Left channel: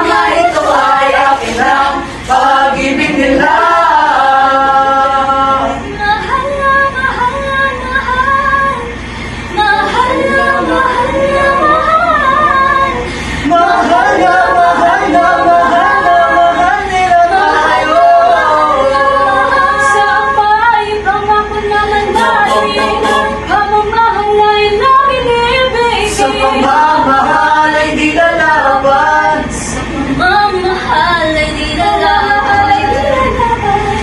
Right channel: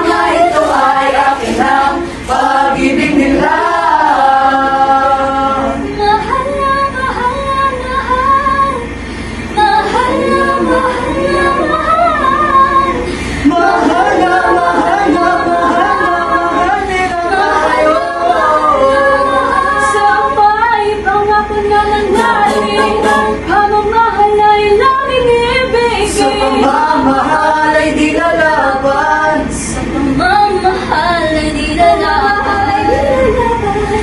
Mama, ito ay akin lang, pag-ibig nila. Mahal na mahal na mahal, mahal na mahal na mahal, Mahal na mahal na mahal na mahal nila tayo. sa pangako naman natin, pamamahal ay laging ibigin. Sa pagmamahal ay di lalaban, Sa pamamahal ay di lalaban.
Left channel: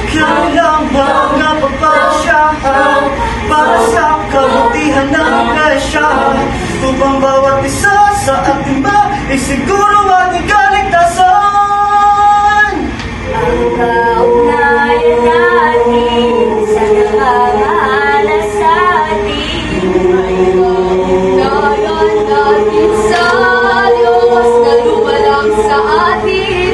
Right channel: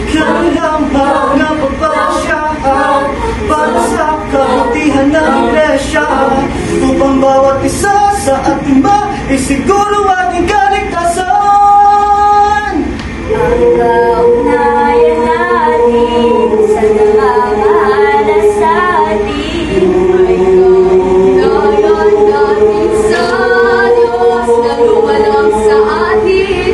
kailangan nga pagpasyahan para sa kabutihan ng iglesia, upang bawat isa sa ating isiguro ating kaligtasan. Pagkaugnayan natin sa nakakaala sa atin, ugnayan natin sa Diyos na lumalang sa atin.